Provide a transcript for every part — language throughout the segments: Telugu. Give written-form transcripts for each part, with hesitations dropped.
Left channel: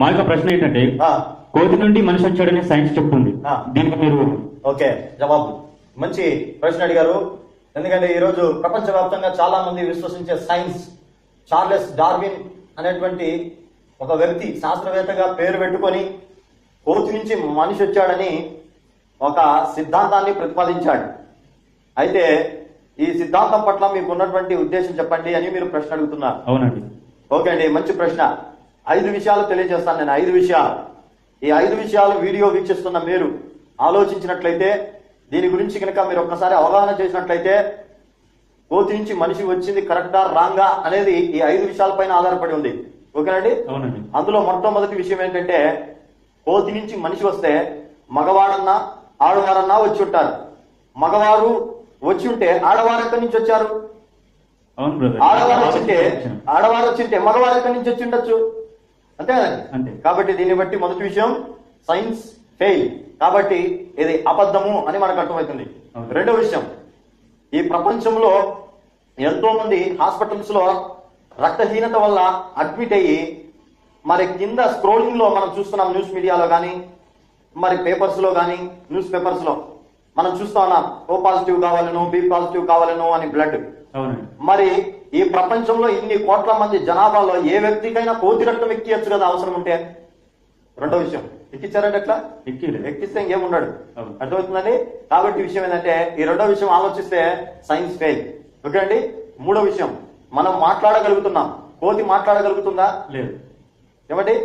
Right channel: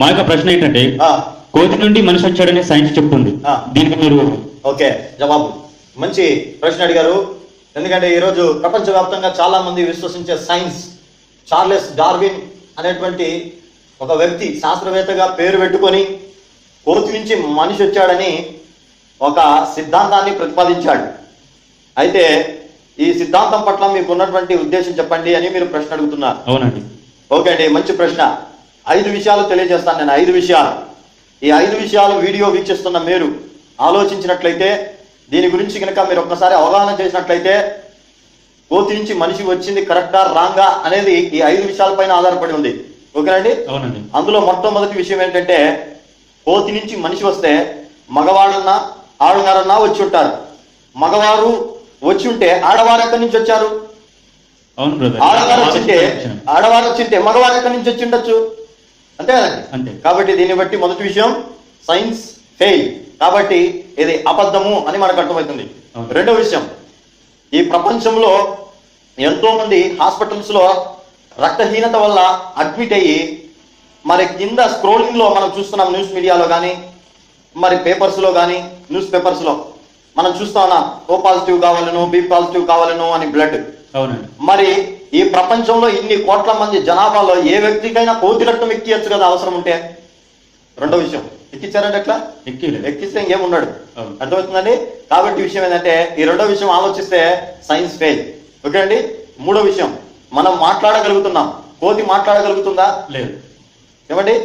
మా యొక్క ప్రశ్న ఏంటంటే కోతి నుండి మనిషి వచ్చాడని సైన్స్ చెప్తుంది. దీనికి మీరు ఓకే జవాబు మంచి ప్రశ్న అడిగారు. ఎందుకంటే ఈరోజు ప్రపంచవ్యాప్తంగా చాలా మంది విశ్వసించే సైన్స్, చార్లెస్ డార్విన్ అనేటువంటి ఒక వ్యక్తి శాస్త్రవేత్తగా పేరు పెట్టుకొని కోతి నుంచి మనిషి వచ్చాడని ఒక సిద్ధాంతాన్ని ప్రతిపాదించాడు. అయితే ఈ సిద్ధాంతం పట్ల మీకు ఉన్నటువంటి ఉద్దేశం చెప్పండి అని మీరు ప్రశ్న అడుగుతున్నారు. అవునండి. ఓకే అండి, మంచి ప్రశ్న. 5 విషయాలు తెలియజేస్తాను నేను. 5 విషయాలు. ఈ 5 విషయాలు వీడియో వీక్షిస్తున్న మీరు ఆలోచించినట్లయితే, దీని గురించి కనుక మీరు ఒక్కసారి అవగాహన చేసినట్లయితే, కోతి నుంచి మనిషి వచ్చింది కరెక్టా రాంగా అనేది ఈ 5 విషయాలపైన ఆధారపడి ఉంది. ఓకేనండి? అవునండి. అందులో మొట్టమొదటి విషయం ఏంటంటే, కోతి నుంచి మనిషి వస్తే మగవాడన్నా ఆడగారన్నా వచ్చి ఉంటారు. మగవారు వచ్చి ఉంటే ఆడవారు ఎక్కడి నుంచి వచ్చారు? అవును బ్రదర్. ఆడవారు వచ్చింటే మగవారు ఎక్కడి నుంచి వచ్చి ఉండొచ్చు? అంతే కదండి. అంతే. కాబట్టి దీన్ని బట్టి మొదటి విషయం, సైన్స్ ఫెయిల్. కాబట్టి ఇది అబద్ధము అని మనకు అర్థమవుతుంది. రెండో విషయం, ఈ ప్రపంచంలో ఎంతో మంది హాస్పిటల్స్ లో రక్తహీనత వల్ల అడ్మిట్ అయ్యి, మరి కింద స్క్రోలింగ్ లో మనం చూస్తున్నాం, న్యూస్ మీడియాలో కానీ మరి పేపర్స్ లో కానీ న్యూస్ పేపర్స్ లో మనం చూస్తా ఉన్నాం, ఓ పాజిటివ్ కావాలను, బి పాజిటివ్ కావాలను అని బ్లడ్. అవునండి. మరి ఈ ప్రపంచంలో ఇన్ని కోట్ల మంది జనాభాలో ఏ వ్యక్తికైనా కోతి రక్తం ఎక్కియచ్చు కదా అవసరం ఉంటే. రెండో విషయం, ఎక్కించారంటే ఎట్లా? ఎక్కిస్తే ఇంకేం ఉన్నాడు. అర్థమవుతుందండి. కాబట్టి విషయం ఏంటంటే, ఈ రెండో విషయం ఆలోచిస్తే సైన్స్ ఫెయిల్. ఓకే అండి. మూడో విషయం, మనం మాట్లాడగలుగుతున్నాం, కోతి మాట్లాడగలుగుతుందా? లేదు. ఏమండి?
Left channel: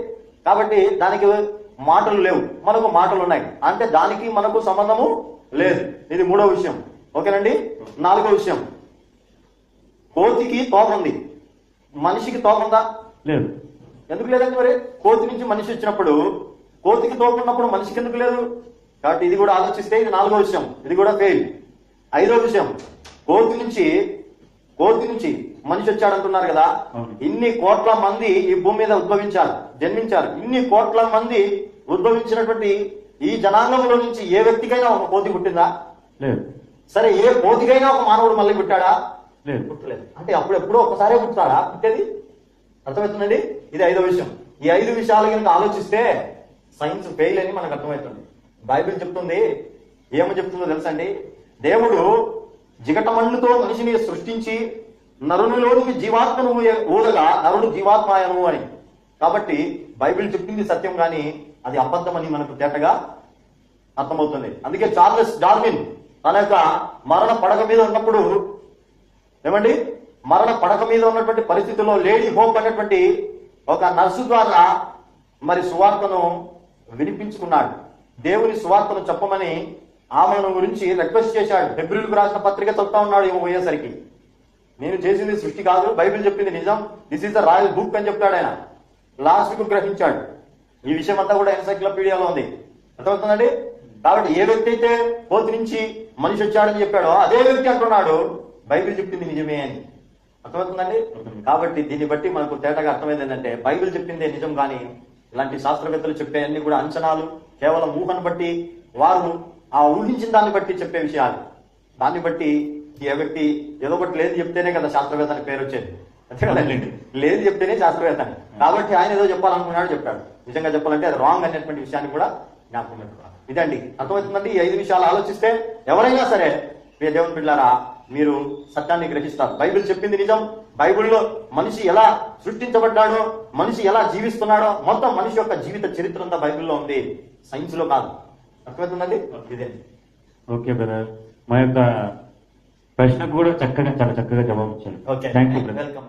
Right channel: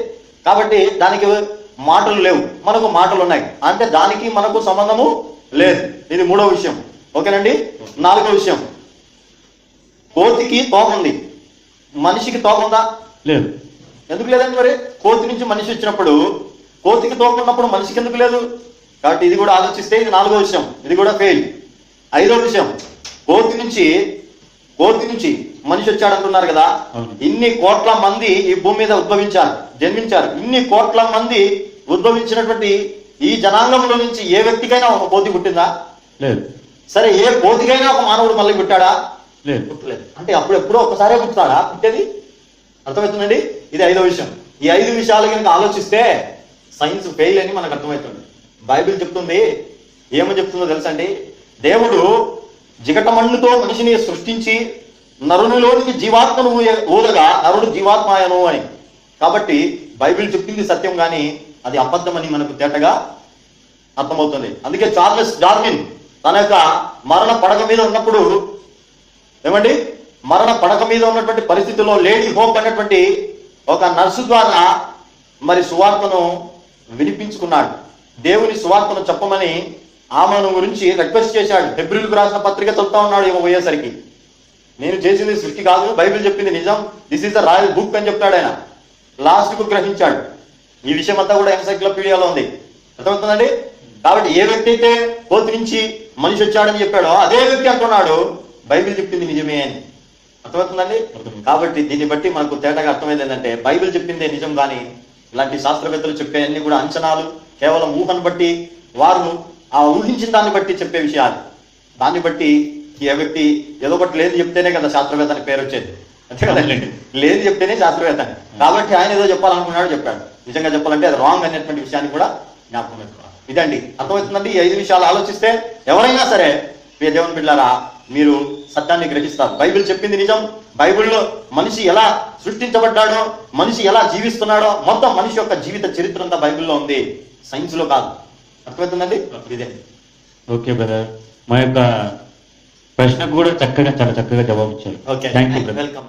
కాబట్టి దానికి మాటలు లేవు, మనకు మాటలు ఉన్నాయి. అంటే దానికి మనకు సంబంధము లేదు. ఇది మూడో విషయం. ఓకేనండి. నాలుగో విషయం, కోతికి తోక ఉంది, మనిషికి తోక ఉందా? లేదు. ఎందుకు లేదండి? మరి కోతి నుంచి మనిషి వచ్చినప్పుడు కోతికి తోక ఉన్నప్పుడు మనిషికి ఎందుకు లేదు? కాబట్టి ఇది కూడా ఆలోచిస్తే ఇది నాలుగో విషయం, ఇది కూడా ఫెయిల్. ఐదో విషయం, కోతి నుంచి మనిషి వచ్చాడంటున్నారు కదా. ఇన్ని కోట్ల మంది ఈ భూమి మీద జన్మించారు. ఇన్ని కోట్ల మంది ఉద్భవించినటువంటి ఈ జనాంగంలో నుంచి ఏ వ్యక్తికైనా ఒక కోతి పుట్టిందా? లేదు. సరే, ఏ కోతికైనా ఒక మానవుడు మళ్ళీ పుట్టాడా? లేదు. పుట్టలేదు. అంటే అప్పుడు ఎప్పుడో ఒకసారే పుట్టాడా పుట్టేది? అర్థమవుతుందండి. ఇది ఐదో విషయం. ఈ 5 విషయాలు కనుక ఆలోచిస్తే సైన్స్ ఫెయిల్ అని మనకు అర్థమవుతుంది. బైబిల్ చెప్తుంది, ఏమని చెప్తుందో తెలుసండి? దేవుడు జిగటమన్నుతో మనిషిని సృష్టించి నరునిలోనికి జీవాత్మను ఊరగా నరుడు జీవాత్మాయను అని. కాబట్టి బైబిల్ చెప్పింది సత్యం, కానీ అది అబద్ధమని మనకు తేటగా అర్థమవుతుంది. అందుకే చార్లెస్ డార్విన్ తన యొక్క మరణ పడక మీద ఉన్నప్పుడు, ఏమండి, మరణ పడక మీద ఉన్నటువంటి పరిస్థితుల్లో లేడీ హోప్ అనేటువంటి ఒక నర్సు ద్వారా మరి సువార్తను వినిపించుకున్నాడు. దేవుని సువార్తను చెప్పమని ఆమెను గురించి రిక్వెస్ట్ చేశాడు. హెబ్రీయులకు రాసిన పత్రిక చదువుతా ఉన్నాడు. ఏమో పోయేసరికి, నేను చేసింది సృష్టి కాదు, బైబిల్ చెప్పింది నిజం, this is the royal book అని చెప్తాడు ఆయన. లాస్ట్ కు గ్రహించాడు. ఈ విషయం అంతా కూడా ఎన్సైక్లోపీడియాలో ఉంది. అర్థమవుతుందండి. కాబట్టి ఏ వ్యక్తి అయితే కోతి నుంచి మనిషి వచ్చాడని చెప్పాడో అదే వ్యక్తి అంటున్నాడు బైబిల్ చెప్పింది నిజమే అని. అర్థమవుతుందండి. కాబట్టి దీన్ని బట్టి మనకు తేటగా అర్థమైంది ఏంటంటే, బైబిల్ చెప్పిందే నిజం, కానీ ఇలాంటి శాస్త్రవేత్తలు చెప్పే అన్ని కూడా అంచనాలు, కేవలం ఊహను బట్టి, వారు ఆ ఊహించిన దాన్ని బట్టి చెప్పే విషయాలు. దాన్ని బట్టి ఏ వ్యక్తి ఏదో ఒకటి లేదు చెప్తేనే కదా శాస్త్రవేత్త అని పేరు వచ్చేది. అంతే కదండి. లేదు చెప్తేనే శాస్త్రవేత్త. కాబట్టి ఆయన ఏదో చెప్పాలనుకున్నాడు, చెప్పాడు. నిజంగా చెప్పాలంటే అది రాంగ్ అనేటువంటి విషయాన్ని కూడా జ్ఞాపకం పెట్టుకోవాలి. ఇదండి. అర్థమవుతుందండి. ఈ 5 విషయాలు ఆలోచిస్తే ఎవరైనా సరే, ప్రియ దేవుని బిడ్డలారా, మీరు సత్యాన్ని గ్రహిస్తారు. బైబిల్ చెప్పింది నిజం. బైబిల్లో మనిషి ఎలా సృష్టించబడ్డాడో, మనిషి ఎలా జీవిస్తున్నాడో, మొత్తం మనిషి యొక్క జీవిత చరిత్ర అంతా బైబిల్లో ఉంది, సైన్స్ లో కాదు. అర్థమవుతుందండి. ఇదే. ఓకే బ్రదర్, మా యొక్క ప్రశ్నకు కూడా చాలా చక్కగా జవాబు ఇచ్చారు. Okay, thank you brother. Welcome.